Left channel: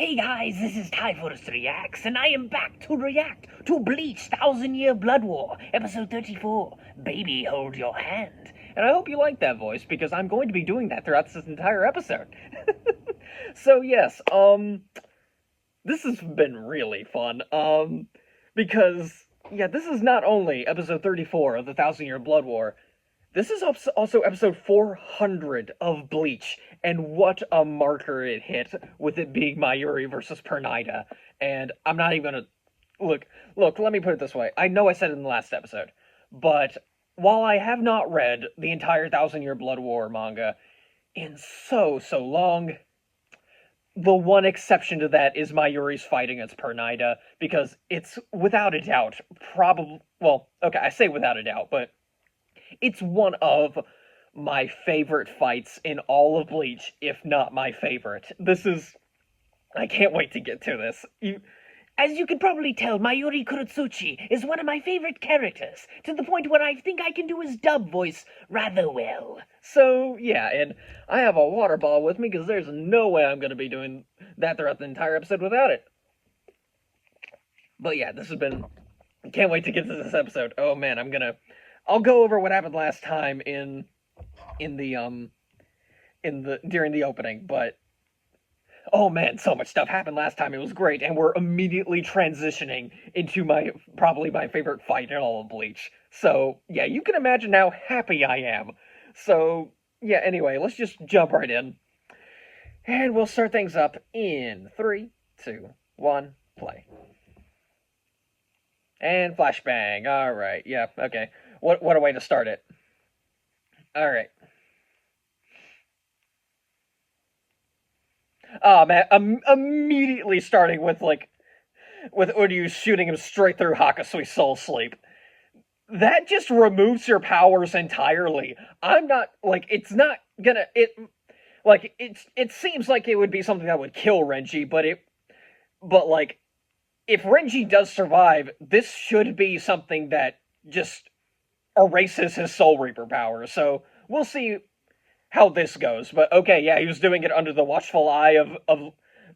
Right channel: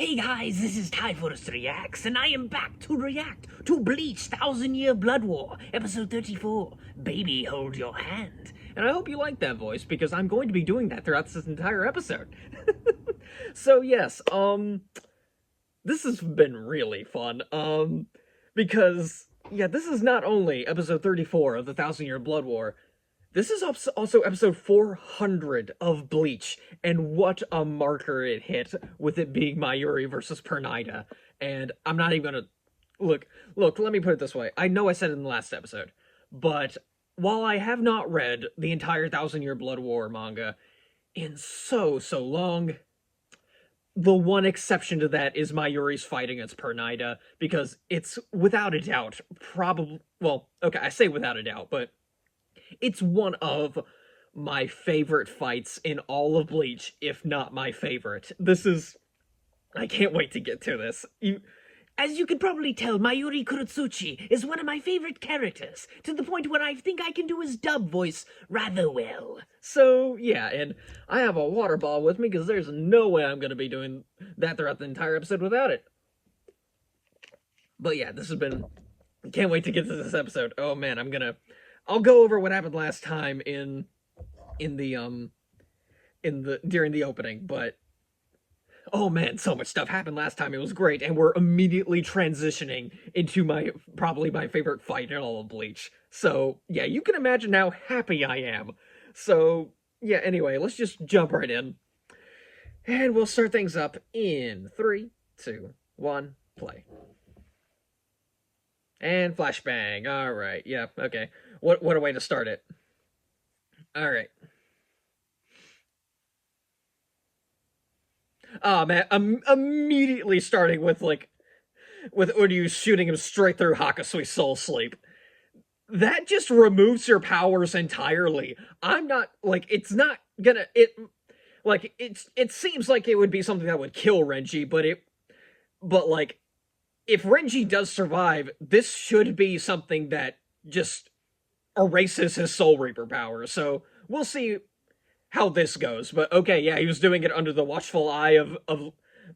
Hey guys, this is Typhus Reacts, and I am back to react to Bleach 1000-Year Blood War, episode 34, Baby Hold Your Hand. And I hope you like that voice, because I'm going to be doing that throughout this entire episode. So yes, this has been really fun, because, yeah, this is not only episode 34 of the 1000-Year Blood War, this is also episode 400 of Bleach, and what a marker it hit with it being Mayuri versus Pernida. And I'm not even gonna... Look, let me put it this way. I know I said it in the last episode, but while I have not read the entire 1000-Year Blood War manga in so long, the one exception to that is Mayuri's fight against Pernida, because it's without a doubt probably... Well, okay, I say without a doubt, but it's one of my favorite fights in all of Bleach, if not my favorite. I can't wait to get to this. As you can probably tell, Mayuri Kurotsuchi is one of my favorite characters, to the point where I think I can do his dub voice rather well. So, yeah, and I have a water ball with me, because there's no way I'm going to be doing that throughout the entire episode without it. But yeah, this has been... Can't wait to get to this episode. Oh man, I'll go over what happened last time during the opening, but oh man, so much stuff happened last time. It was great, and we're immediately transitioning into probably my favorite fight in all of Bleach. So yeah, you can imagine how happy I am. So yeah, anyway, let's just jump right in, and we'll start things up in 3, 2, 1, play. And flashbang. All right, yeah, okay. What a way to start it. All right. Oh man, immediately starting with Uryu shooting him straight through Hakasui's soul sleep. That just removes your powers entirely. I'm not it's not gonna it seems like it would be something that would kill Renji, but if Renji does survive, this should be something that just erases his Soul Reaper power, so we'll see how this goes. But okay, yeah, he was doing it under the watchful eye of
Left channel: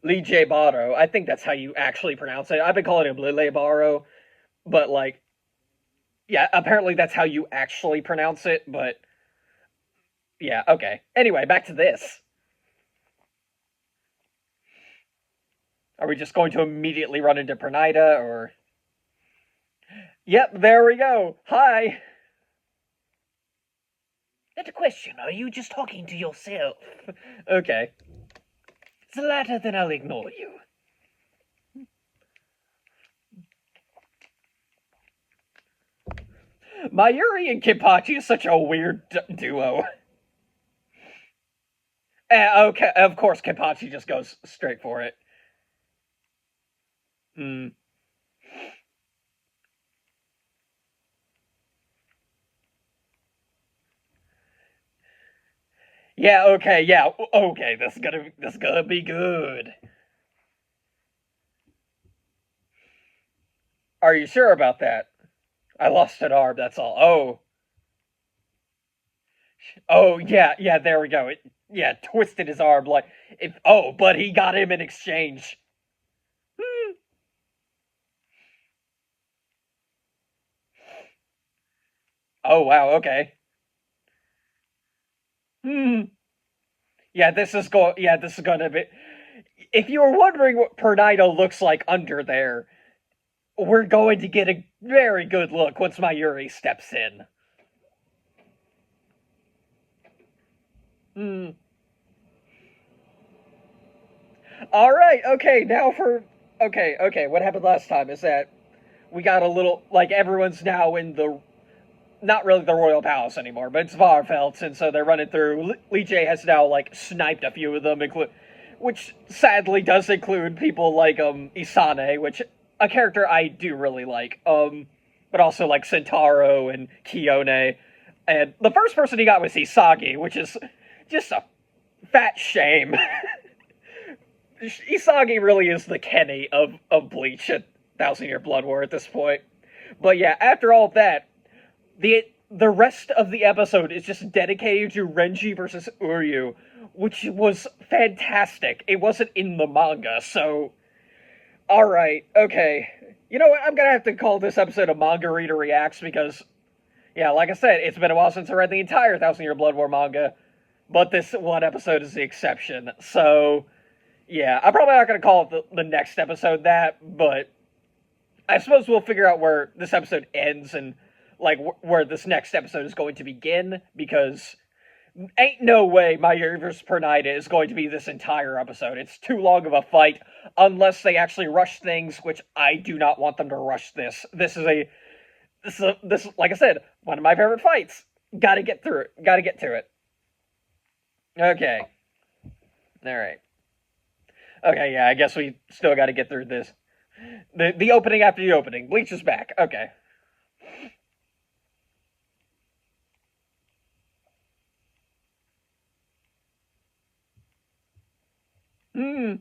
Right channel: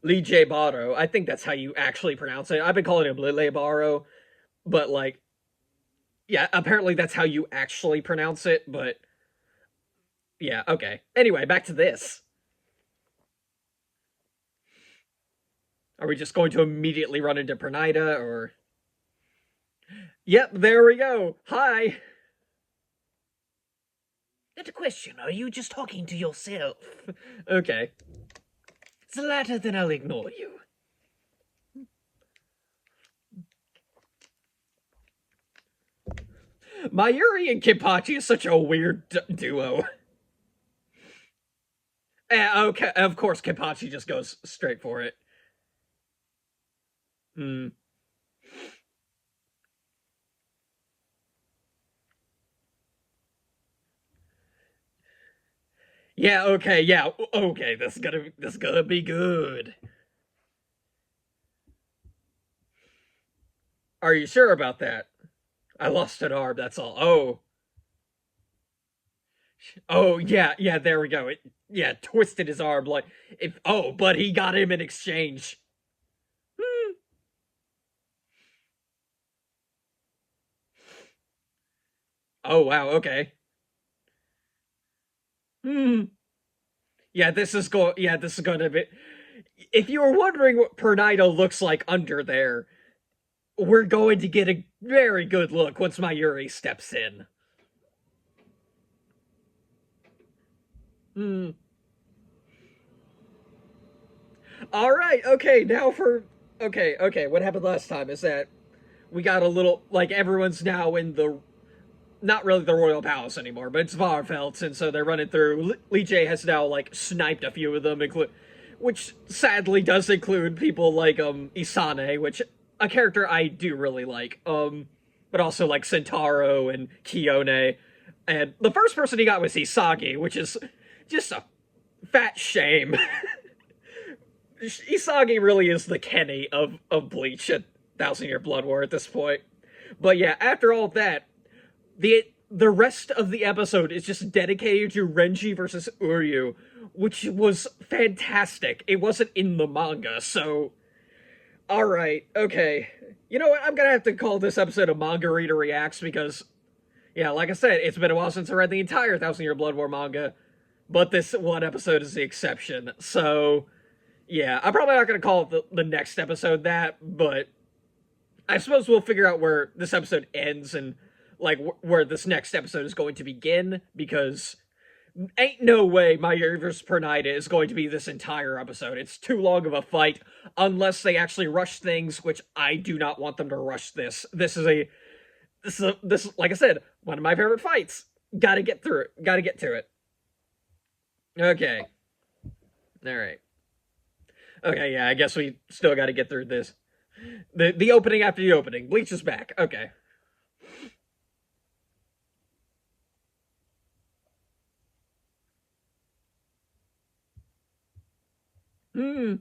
Lee Baro. I think that's how you actually pronounce it. I've been calling him Lele Baro, but yeah, apparently that's how you actually pronounce it, but yeah, okay. Anyway, back to this. Are we just going to immediately run into Pernida, or... Yep, there we go. Hi! Not a question, are you just talking to yourself? Okay. It's the latter, then I'll ignore you. Mayuri and Kenpachi is such a weird duo. Okay, of course Kenpachi just goes straight for it. Yeah, okay, this is gonna be good. Are you sure about that? I lost an arm, that's all. Oh, yeah, there we go. Twisted his arm but he got him in exchange. Oh, wow, okay. Yeah, this is going to be... If you were wondering what Pernida looks like under there, we're going to get a very good look once Mayuri steps in. Alright, okay, now for... Okay, what happened last time is that we got a little... everyone's now in the... Not really the Royal Palace anymore, but it's Varfeldt, and so they're running through. Lee J has now, sniped a few of them, which sadly does include people like, Isane, which, a character I do really like, but also, Sentaro and Kiyone, and the first person he got was Isagi, which is just a fat shame. Isagi really is the Kenny of Bleach at 1000-Year Blood War at this point. But yeah, after all that, the rest of the episode is just dedicated to Renji versus Uryu, which was fantastic. It wasn't in the manga, so alright, okay. You know what? I'm gonna have to call this episode a Manga Reader Reacts because, yeah, like I said, it's been a while since I read the entire Thousand Year Blood War manga, but this one episode is the exception. So, yeah, I'm probably not gonna call it the next episode that, but I suppose we'll figure out where this episode ends and, like, where this next episode is going to begin, because ain't no way Mayuri vs. Pernida is going to be this entire episode. It's too long of a fight, unless they actually rush things, which I do not want them to rush this. This is like I said, one of my favorite fights. Gotta get through it. Gotta get to it. Okay. Alright. Okay, yeah, I guess we still gotta get through this. The opening after the opening. Bleach is back. Okay. Hmm.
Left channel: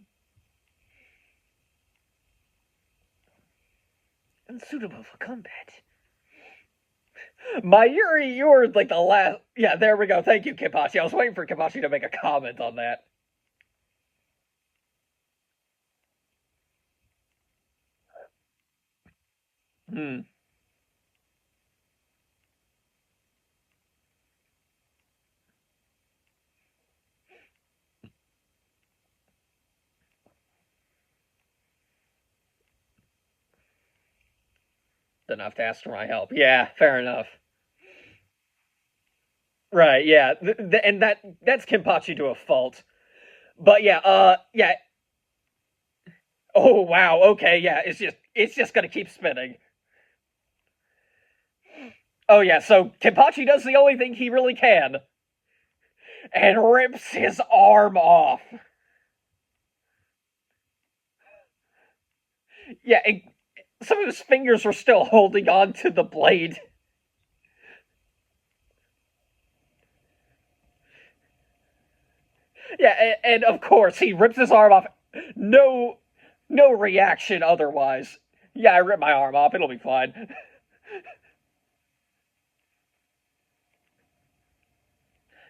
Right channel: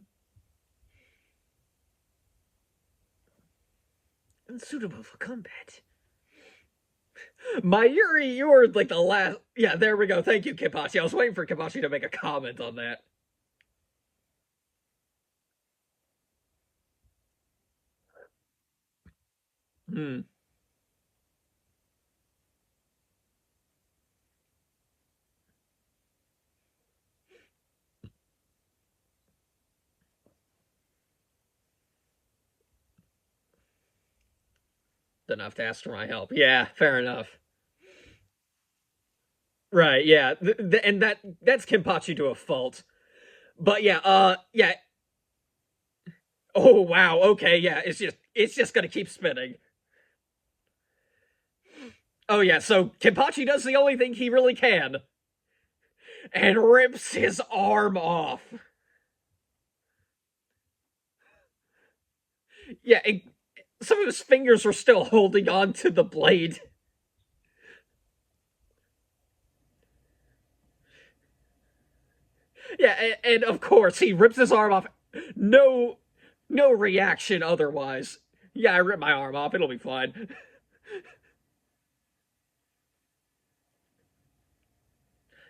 Unsuitable for combat. Mayuri, you were like the last. Yeah, there we go. Thank you, Kipachi. I was waiting for Kipachi to make a comment on that. Hmm. Enough to ask for my help. Yeah, fair enough. Right, yeah. And that's Kimpachi to a fault. But yeah, yeah. Oh wow, okay, yeah, it's just gonna keep spinning. Oh yeah, so Kimpachi does the only thing he really can. And rips his arm off. Yeah, some of his fingers were still holding on to the blade. Yeah, and of course he rips his arm off. No, no reaction otherwise. Yeah, I ripped my arm off. It'll be fine.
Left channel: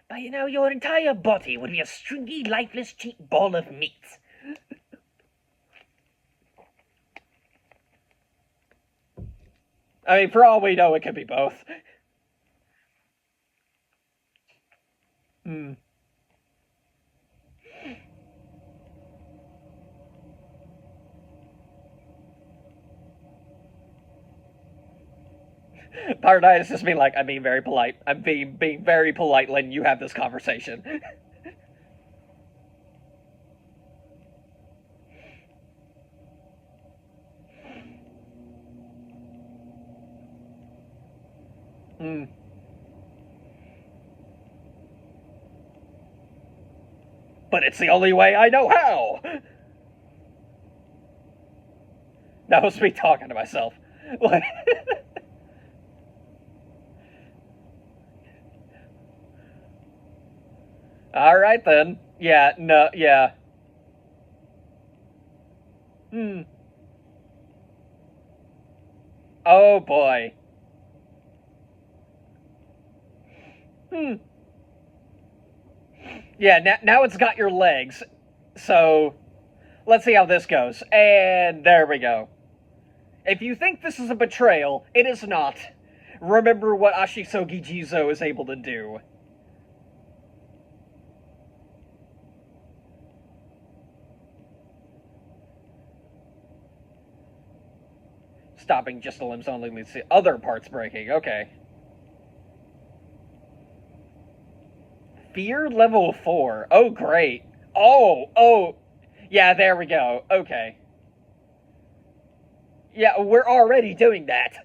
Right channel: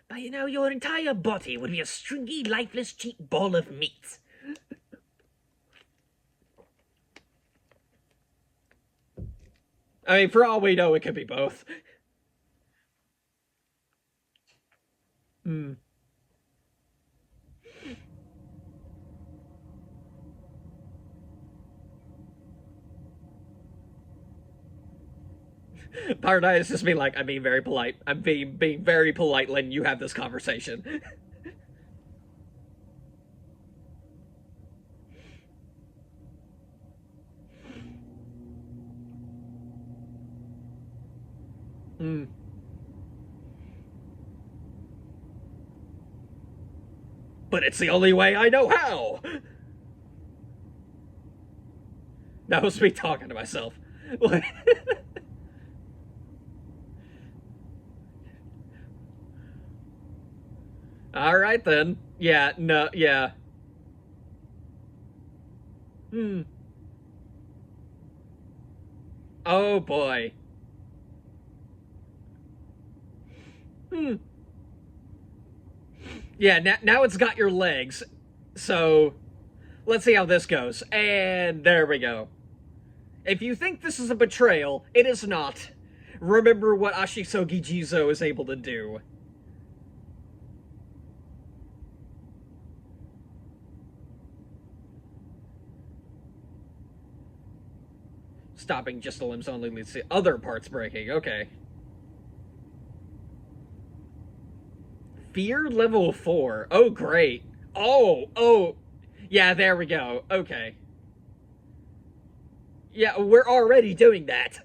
But your entire body would be a stringy, lifeless, cheap ball of meat. I mean, for all we know, it could be both. Hmm. Paradise just being like, I'm being very polite. I'm being very polite letting you have this conversation. Hmm. But it's the only way I know how. That was me talking to myself. All right then. Yeah. No. Yeah. Hmm. Oh boy. Hmm. Yeah. Now it's got your legs. So let's see how this goes. And there we go. If you think this is a betrayal, it is not. Remember what Ashisogi Jizo is able to do. Stopping just the limbs only leads to other parts breaking. Okay. Fear level 4. Oh, great. Oh. Yeah, there we go. Okay. Yeah, we're already doing that.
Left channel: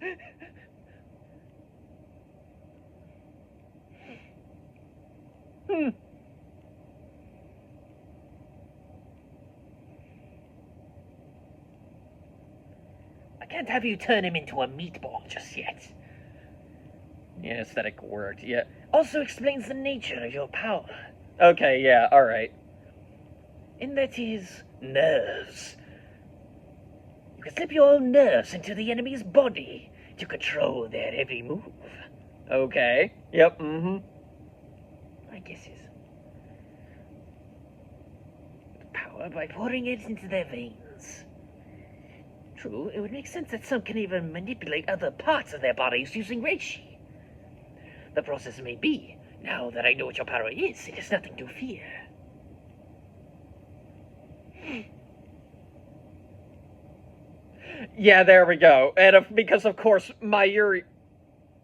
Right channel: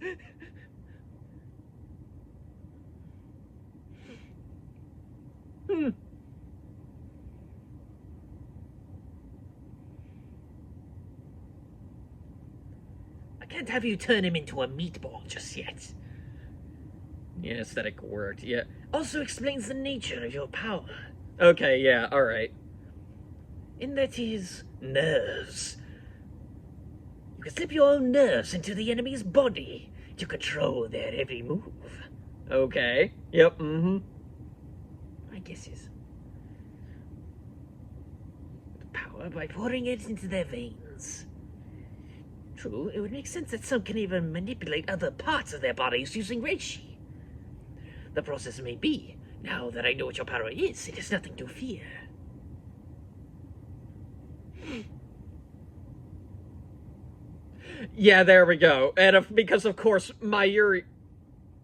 Hmm. I can't have you turn him into a meatball just yet. Yeah, aesthetic worked. Yeah. Also explains the nature of your power. Okay, yeah, alright. In that his nerves. You can slip your own nerves into the enemy's body to control their every move. Okay. Yep, mm-hmm. My guesses. power by pouring it into their veins. True, it would make sense that some can even manipulate other parts of their bodies using reishi. The process may be, now that I know what your power is, it is nothing to fear. Yeah, there we go. And because, of course, Mayuri...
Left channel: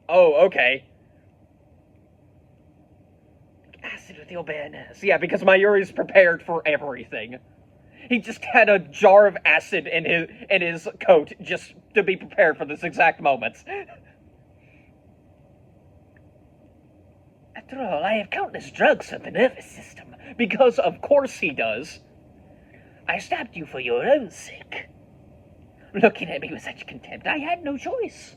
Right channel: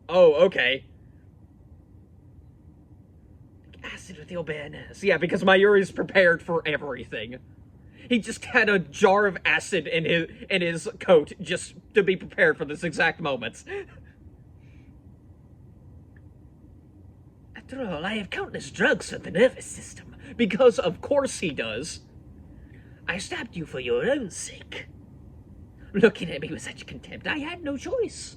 Oh, okay. Acid with your bare nerves. Yeah, because Mayuri's prepared for everything. He just had a jar of acid in his coat just to be prepared for this exact moment. After all, I have countless drugs for the nervous system. Because of course he does. I stabbed you for your own sake. Looking at me with such contempt, I had no choice.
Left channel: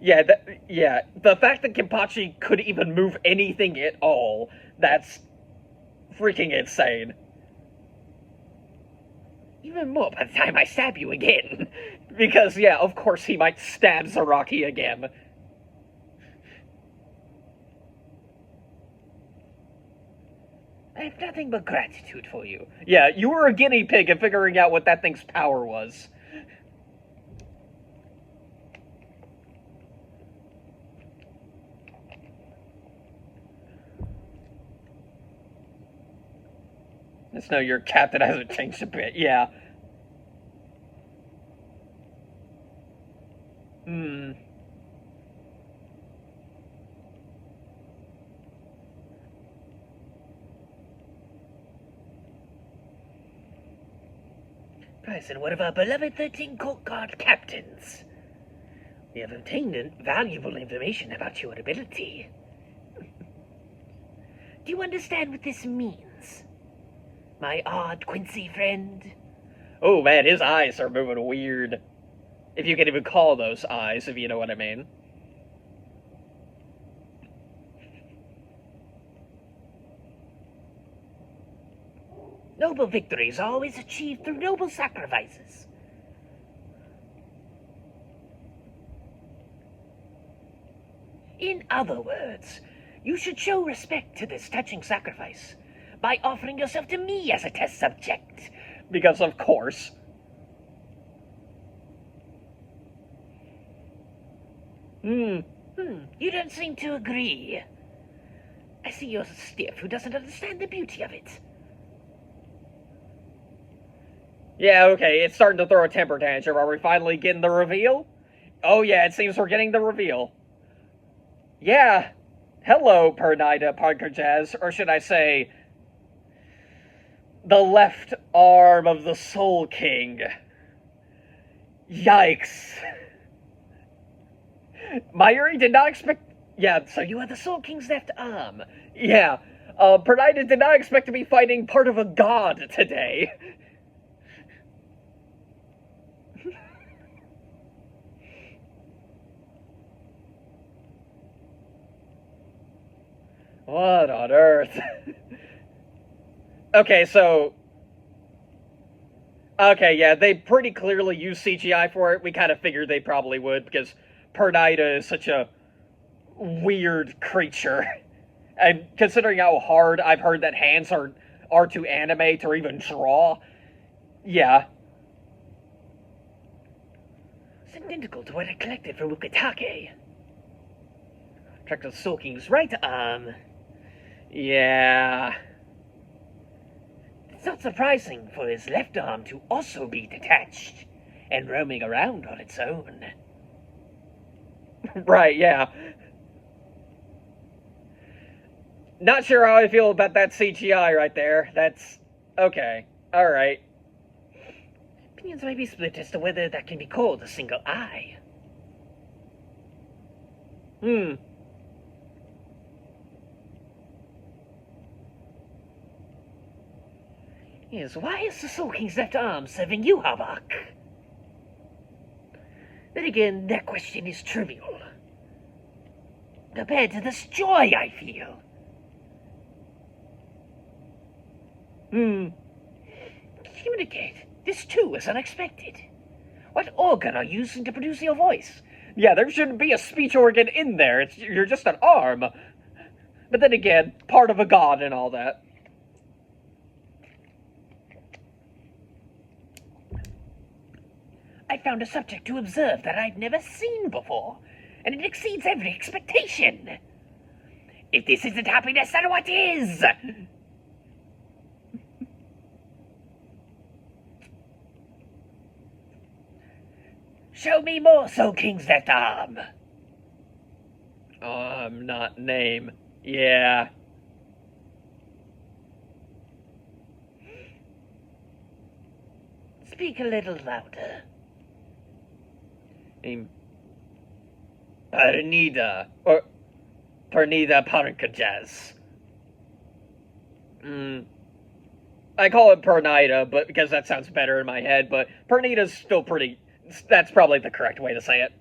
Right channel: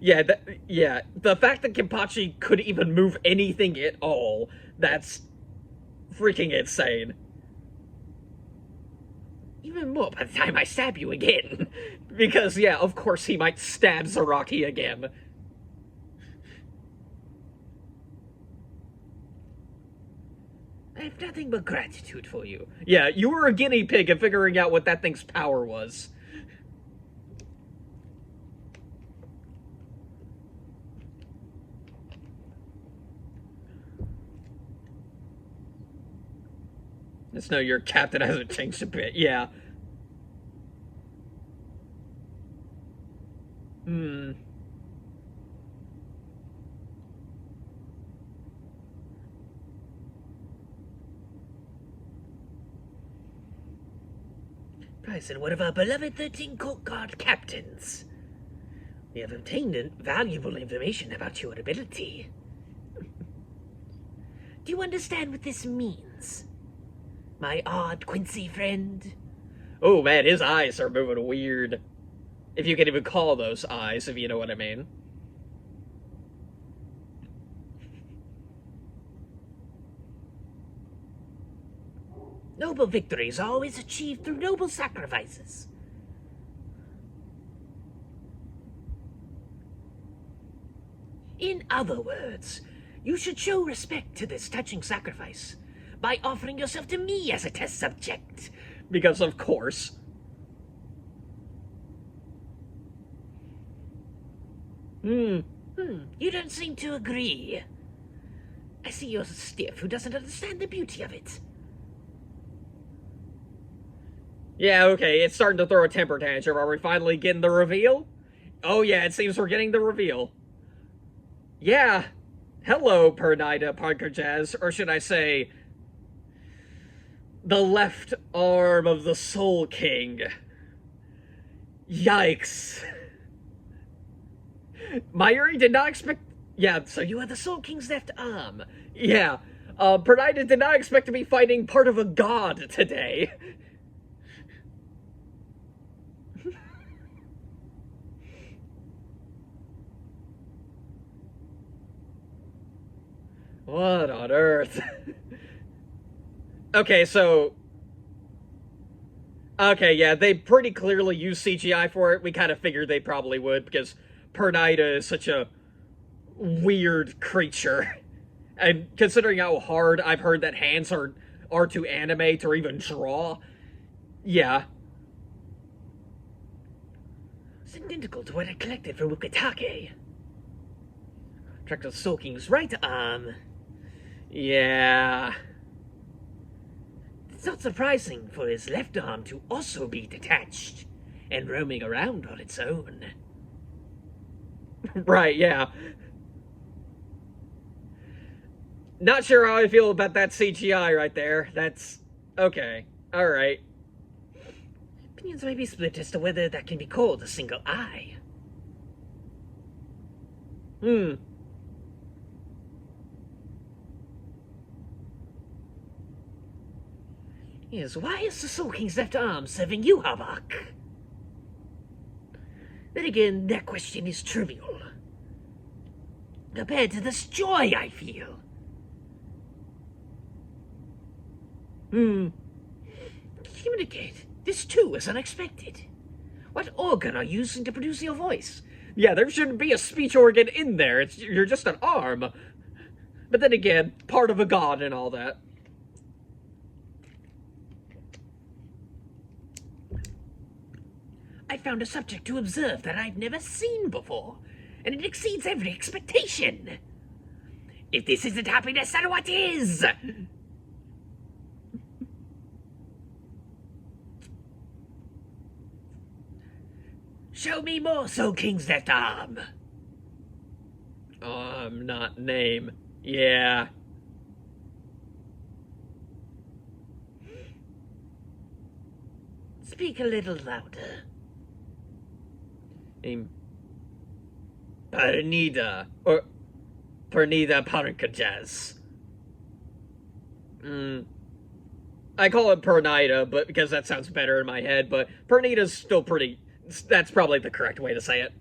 Yeah, the fact that Kenpachi could even move anything at all, that's freaking insane. Even more by the time I stab you again. Because, yeah, of course he might stab Zaraki again. I have nothing but gratitude for you. Yeah, you were a guinea pig in figuring out what that thing's power was. Just know your captain hasn't changed a bit, yeah. Bryson, one of our beloved 13 Court Guard captains. We have obtained valuable information about your ability. Do you understand what this means, my odd Quincy friend? Oh man, his eyes are moving weird. If you can even call those eyes, if you know what I mean. Noble victories are always achieved through noble sacrifices. In other words, you should show respect to this touching sacrifice by offering yourself to me as a test subject. Because of course. You don't seem to agree. I see you're a stiff who doesn't understand the beauty of it. Yeah, okay, it's starting to throw a temper tantrum. Are we finally getting the reveal? Oh yeah, it seems we're getting the reveal. Yeah. Hello, Pernida Parker-Jazz, or should I say, the left arm of the Soul King. Yikes. Mayuri did not expect... Yeah, So you are the Soul King's left arm. yeah. Pernida did not expect to be fighting part of a god today. What on earth? Okay, so... Okay, yeah, they pretty clearly used CGI for it. We kind of figured they probably would, because Pernida is such a weird creature. And considering how hard I've heard that hands are to animate or even draw, yeah. It's identical to what I collected from Ukitake. Tracked the Soul King's right arm. Yeah. It's not surprising for his left arm to also be detached and roaming around on its own. Right, yeah. Not sure how I feel about that CGI right there. That's... okay. Alright. Opinions may be split as to whether that can be called a single eye. Yes, why is the Soul King's left arm serving you, Habak? Then again, that question is trivial compared to this joy I feel. Communicate. This too is unexpected. What organ are you using to produce your voice? Yeah, there shouldn't be a speech organ in there. You're just an arm. But then again, part of a god and all that. I found a subject to observe that I've never seen before, and it exceeds every expectation. If this isn't happiness, then what is? Show me more Soul King's left arm. Not name. Yeah. Speak a little louder. Pernida. Or Pernida Pankajaz. I call it Pernida, but because that sounds better in my head, but Pernida's still pretty. That's probably the correct way to say it.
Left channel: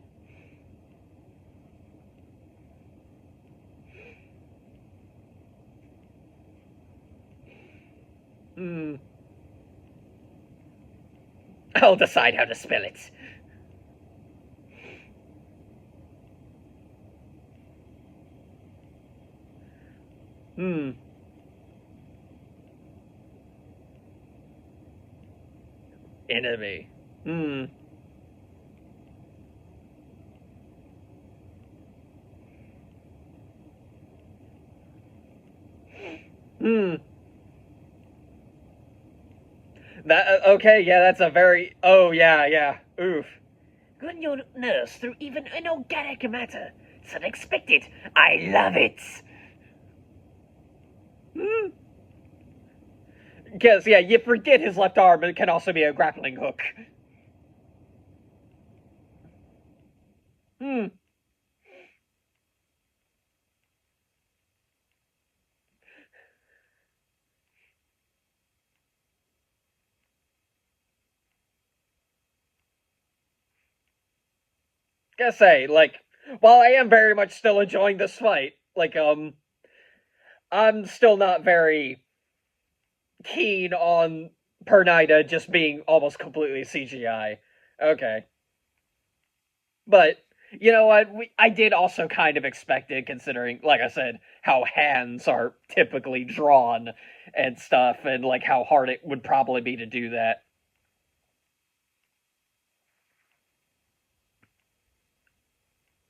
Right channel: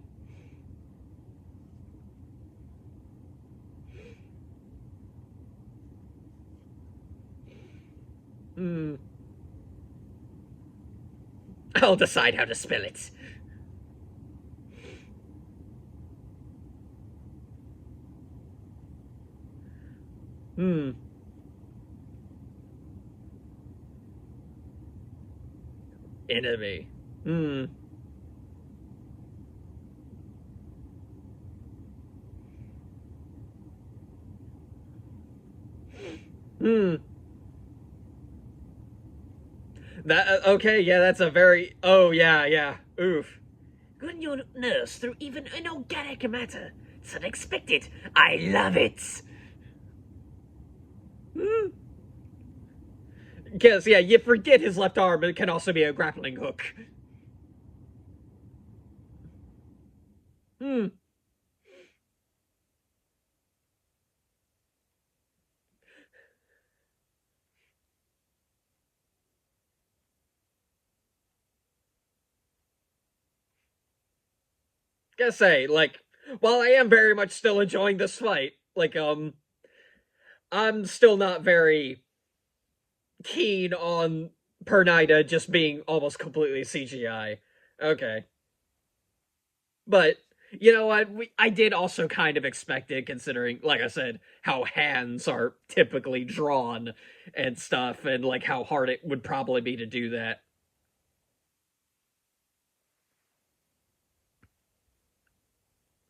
I'll decide how to spell it. Enemy. That okay, yeah, that's a very oh yeah. Oof. Run your nurse through even inorganic matter. It's unexpected. I love it. Because yeah, you forget his left arm it can also be a grappling hook. Gotta say, like, while I am very much still enjoying this fight, like, I'm still not very keen on Pernida just being almost completely CGI. Okay. But, you know what, I did also kind of expect it, considering, like I said, how hands are typically drawn and stuff, and, like, how hard it would probably be to do that.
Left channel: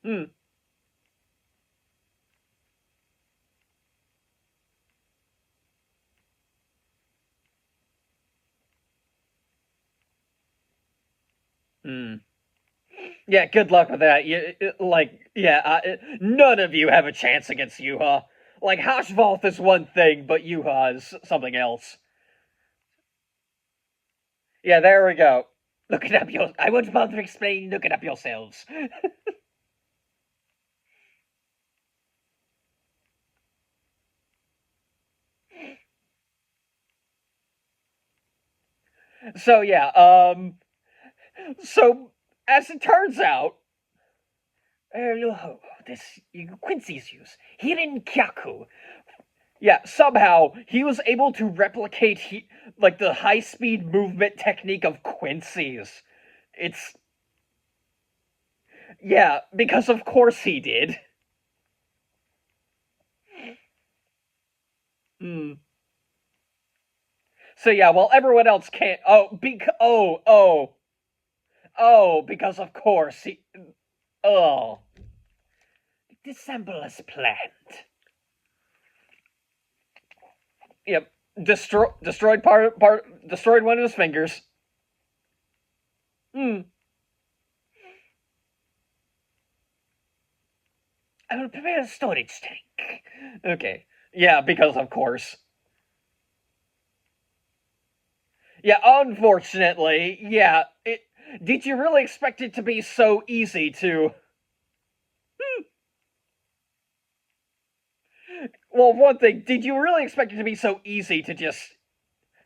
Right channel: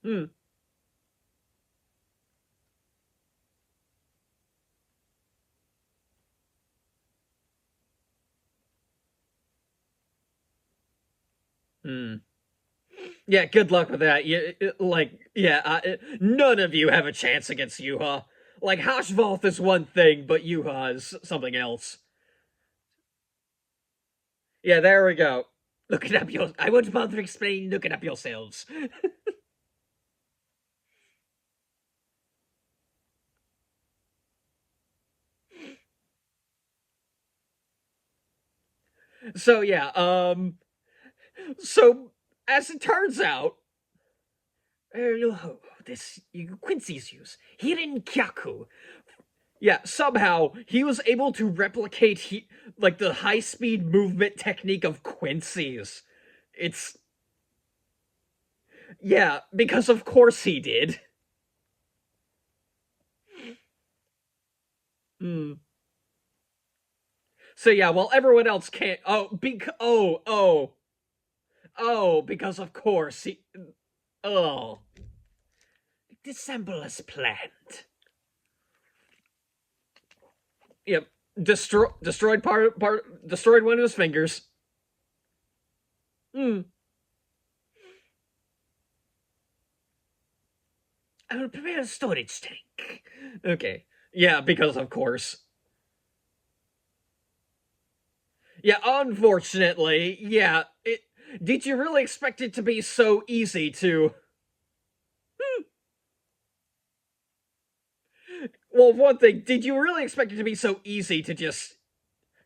Hmm. Hmm. Yeah, good luck with that. None of you have a chance against Yuha. Like, Hashvalth is one thing, but Yuha is something else. Yeah, there we go. Look it up I won't bother explaining. Look it up yourselves. So yeah, so as it turns out, This Quincy's use here in Kyaku. yeah, somehow he was able to replicate like the high speed movement technique of Quincy's. It's yeah, because of course he did. Hmm. So yeah, while everyone else can't. Because of course he. Oh. Dissemble as planned. Yep. Destroyed destroyed one of his fingers. Hmm. I will prepare a storage tank. Okay. Yeah, because of course. Yeah, unfortunately, yeah. Did you really expect it to be so easy to? Well, one thing, did you really expect it to be so easy to just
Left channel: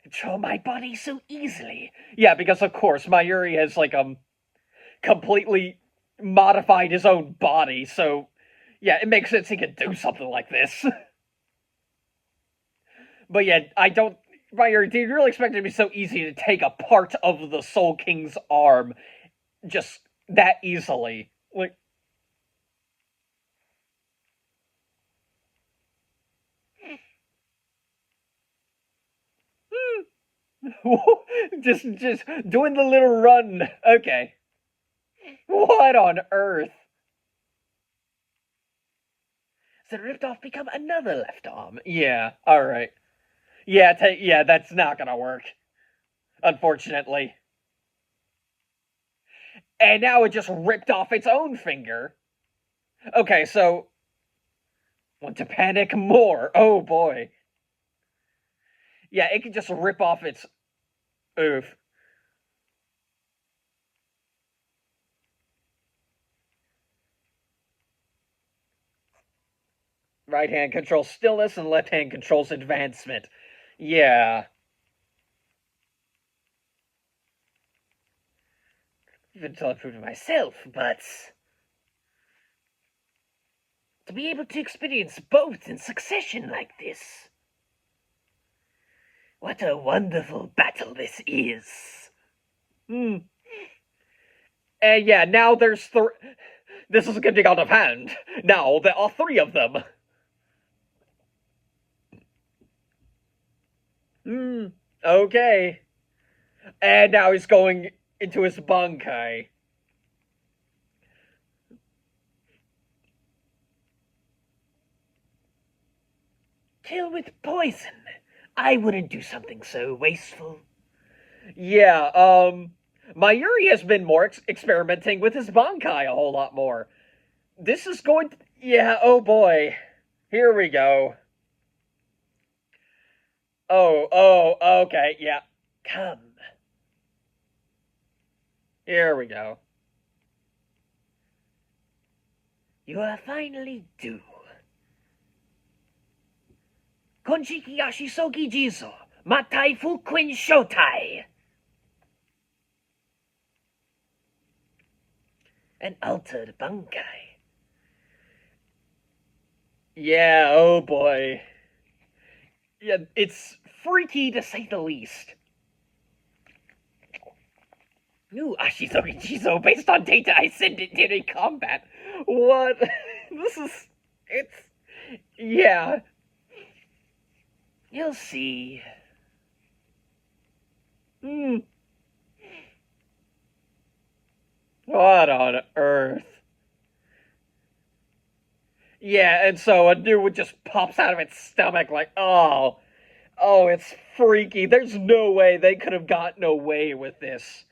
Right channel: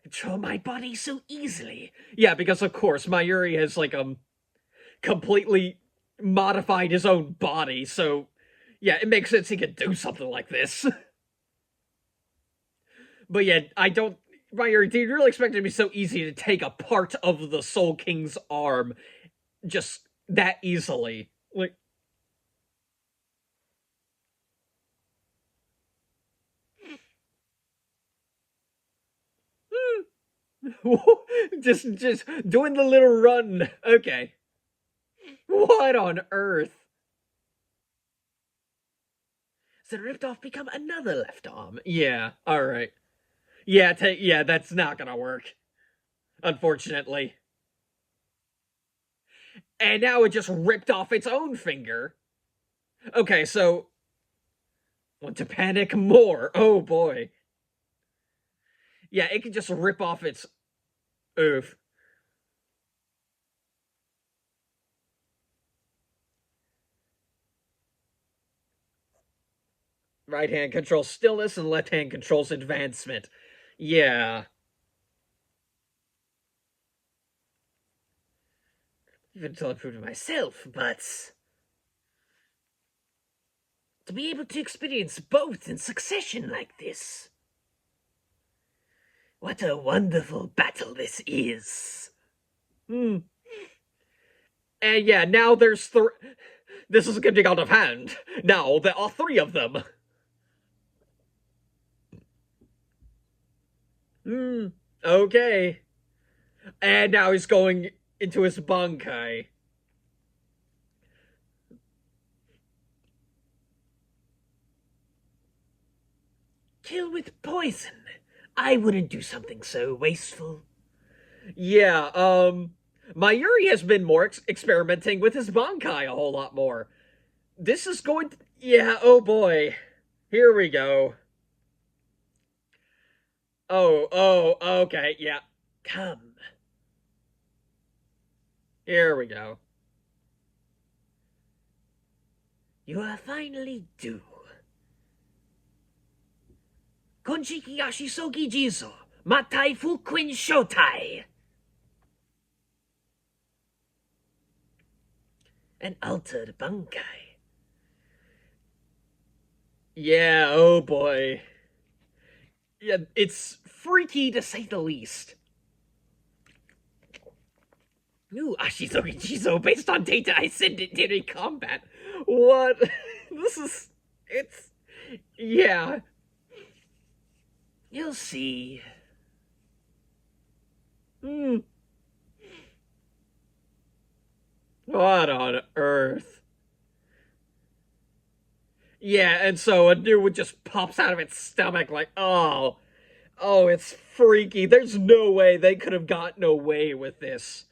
control my body so easily? Yeah, because of course Mayuri has like completely modified his own body, so yeah, it makes sense he could do something like this. But yeah, I don't. Mayuri, did you really expect it to be so easy to take a part of the Soul King's arm just that easily? Like, just doing the little run. Okay. What on earth? So the ripped off become another left arm. Yeah, alright. Yeah, yeah, that's not gonna work. Unfortunately. And now it just ripped off its own finger. Okay, so want to panic more. Oh boy. Yeah, it can just rip off its oof. Right hand controls stillness and left hand controls advancement. Yeah. Even until I prove it myself, but to be able to experience both in succession like this. What a wonderful battle this is. And yeah, now there's this is getting out of hand. Now there are three of them. Okay. And now he's going into his bankai. Kill with poison. I wouldn't do something so wasteful. Yeah, Mayuri has been more experimenting with his bankai a whole lot more. This is going to... Yeah, oh boy. Here we go. Oh, okay, yeah. Come. Here we go. You are finally due. Konjiki Yashisogi Jizo, Matai Fuquin Shotai. An altered bankai. Yeah, oh boy. Yeah, it's freaky to say the least. New Ashisogi Jizo based on data I sent it during combat. What? This is... It's... Yeah. You'll see. What on earth? Yeah, and so a new one just pops out of its stomach like, oh, it's freaky. There's no way they could have gotten away with this.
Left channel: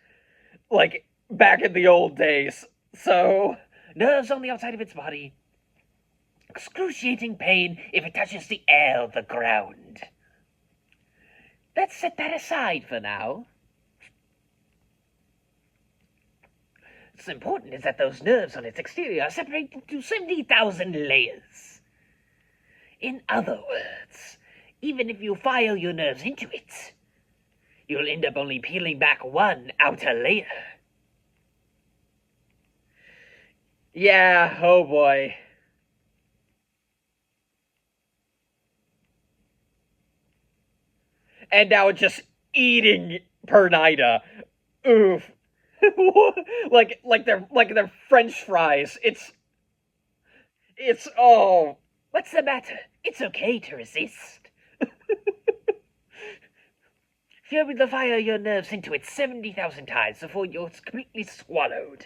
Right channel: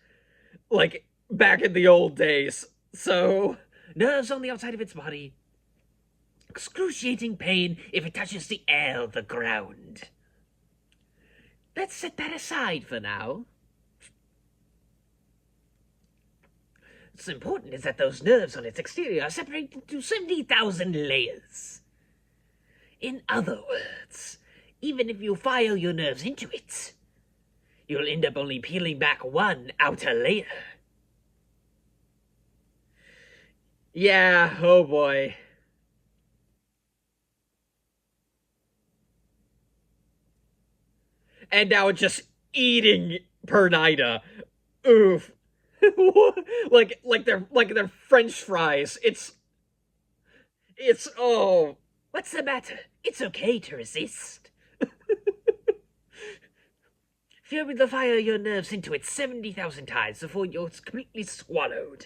Like, back in the old days. So, nerves on the outside of its body. Excruciating pain if it touches the air or the ground. Let's set that aside for now. What's important is that those nerves on its exterior are separated into 70,000 layers. In other words, even if you file your nerves into it, you'll end up only peeling back one outer layer. Yeah, oh boy. And now it's just eating Pernida. Oof. like they're French fries. It's oh. What's the matter? It's okay to resist. Fuel with the fire your nerves into it 70,000 times before you're completely swallowed.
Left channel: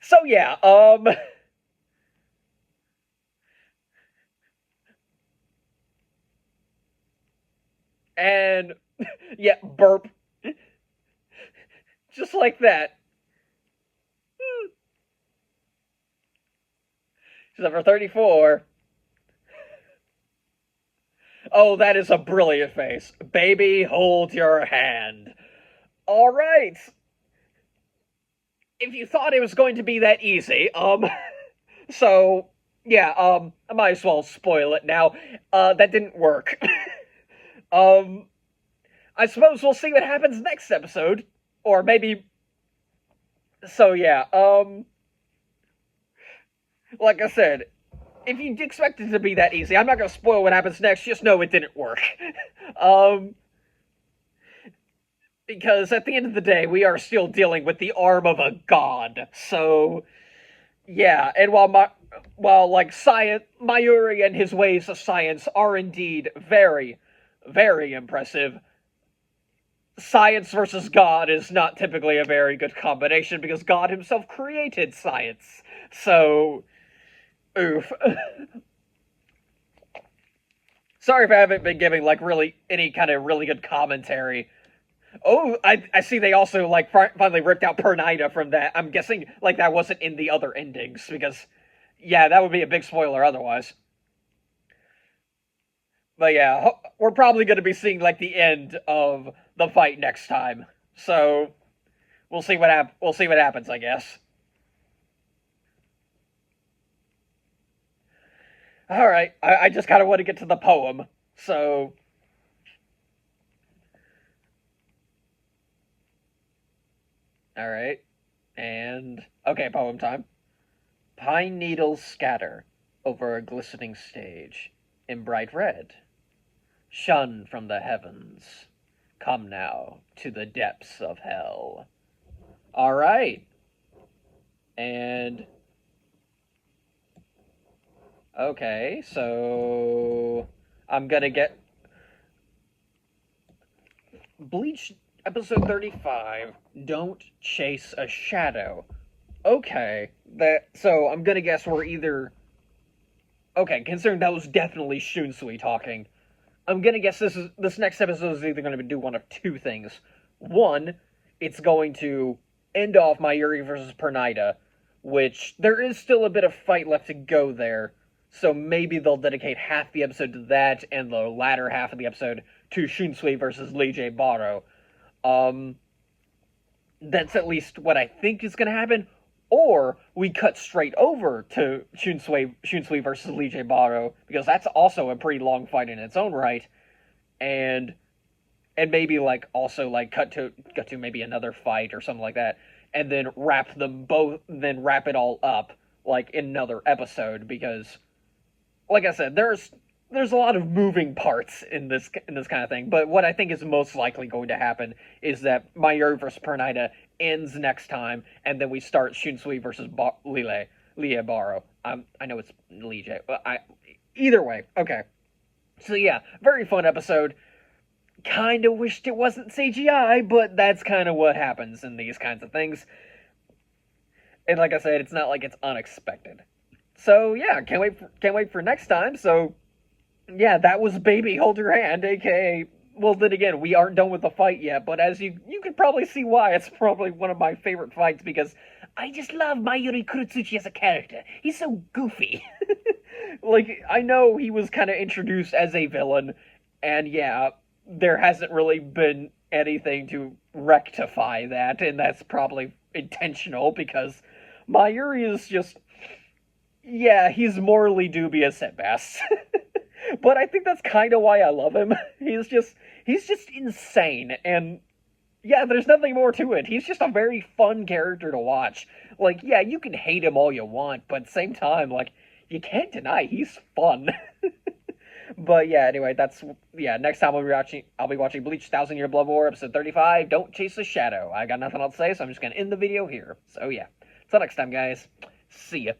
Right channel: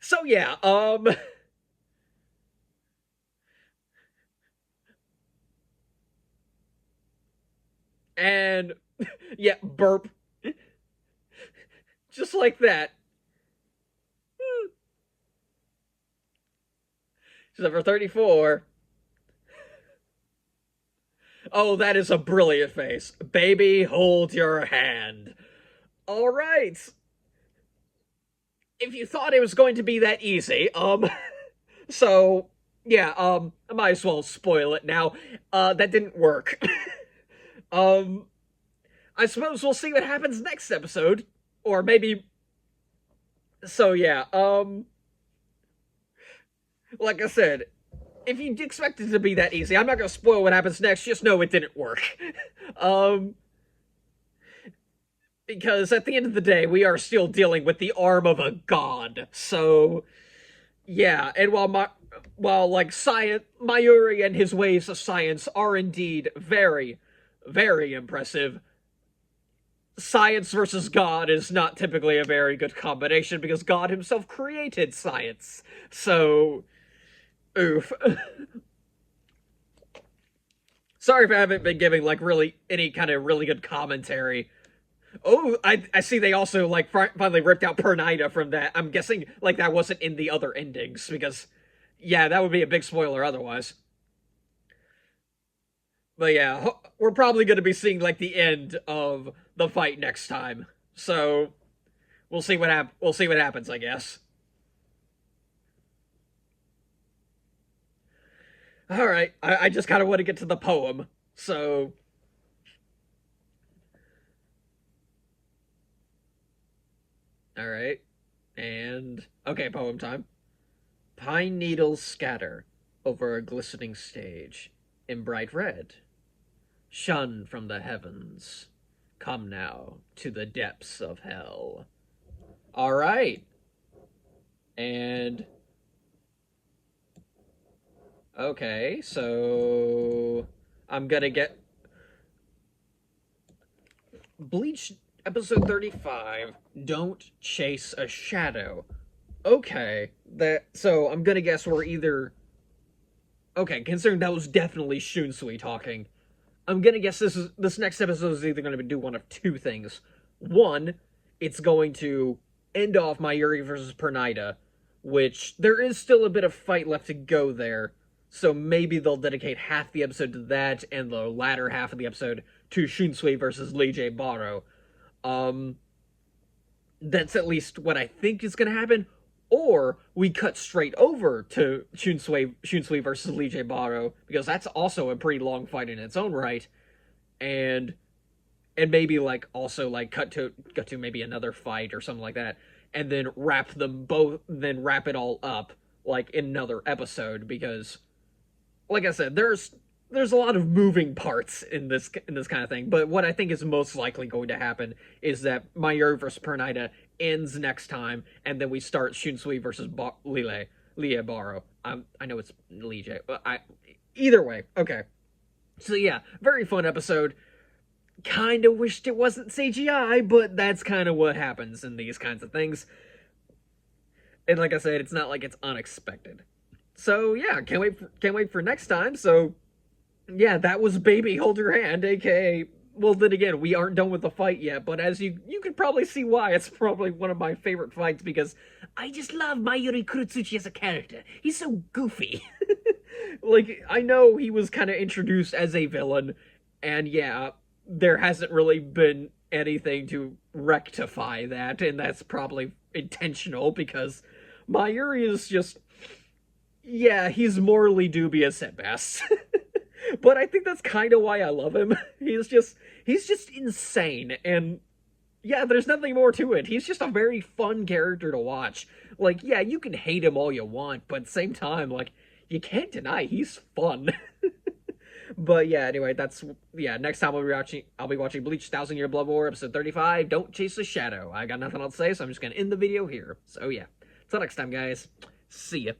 So yeah, and yeah, burp. Just like that. Number 34. Oh, that is a brilliant face. Baby, hold your hand. All right. If you thought it was going to be that easy, so yeah, I might as well spoil it now. That didn't work. I suppose we'll see what happens next episode, or maybe. So yeah, like I said, if you expect it to be that easy, I'm not gonna spoil what happens next. Just know it didn't work. Because at the end of the day, we are still dealing with the arm of a god. So, yeah, and while while, like, science, Mayuri and his ways of science are indeed very, very impressive, science versus God is not typically a very good combination because God himself created science. So, oof. Sorry if I haven't been giving, like, really any kind of really good commentary. Oh, I see they also, like, finally ripped out Pernida from that. I'm guessing, like, that wasn't in the other endings, because, yeah, that would be a big spoiler otherwise. But yeah, we're probably going to be seeing, like, the end of the fight next time. So, we'll see what happens, I guess. Alright, I just kind of want to get to the poem. So, alright. And, okay, poem time. Pine needles scatter over a glistening stage in bright red. Shun from the heavens. Come now to the depths of hell. Alright. And, okay, so I'm gonna get Bleach episode 35. Don't chase a shadow. Okay, so I'm gonna guess we're either okay. Considering that was definitely Shunsui talking, I'm gonna guess this next episode is either gonna do one of two things. One, it's going to end off Mayuri versus Pernida, which there is still a bit of fight left to go there. So maybe they'll dedicate half the episode to that, and the latter half of the episode to Shunsui versus Lee J. Baro. Um, that's at least what I think is going to happen. Or we cut straight over to Shunsui versus Lee J. Baro, because that's also a pretty long fight in its own right, and maybe like also like cut to maybe another fight or something like that, and then wrap it all up like in another episode, because like I said, there's a lot of moving parts in this kind of thing. But what I think is most likely going to happen is that Mayuri versus Pernida ends next time, and then we start Shunsui versus Lie Baro. I know it's Lee J. Either way, okay. So yeah, very fun episode. Kind of wished it wasn't CGI, but that's kind of what happens in these kinds of things. And like I said, it's not like it's unexpected. So yeah, can't wait for next time. So yeah, that was Baby Hold Your Hand, aka, well, then again, we aren't done with the fight yet, but as you could probably see why, it's probably one of my favorite fights, because I just love Mayuri Kurotsuchi as a character. He's so goofy. Like, I know he was kind of introduced as a villain, and yeah, there hasn't really been anything to rectify that, and that's probably intentional, because Mayuri is just, yeah, he's morally dubious at best. But I think that's kind of why I love him. He's just insane, and yeah, there's nothing more to it. He's just a very fun character to watch. Like, yeah, you can hate him all you want, but at the same time, like, you can't deny he's fun. But yeah, anyway, next time I'll be watching Bleach 1000 Year Blood War episode 35, Don't Chase the Shadow. I got nothing else to say, so I'm just gonna end the video here. So yeah. Till next time, guys. See ya.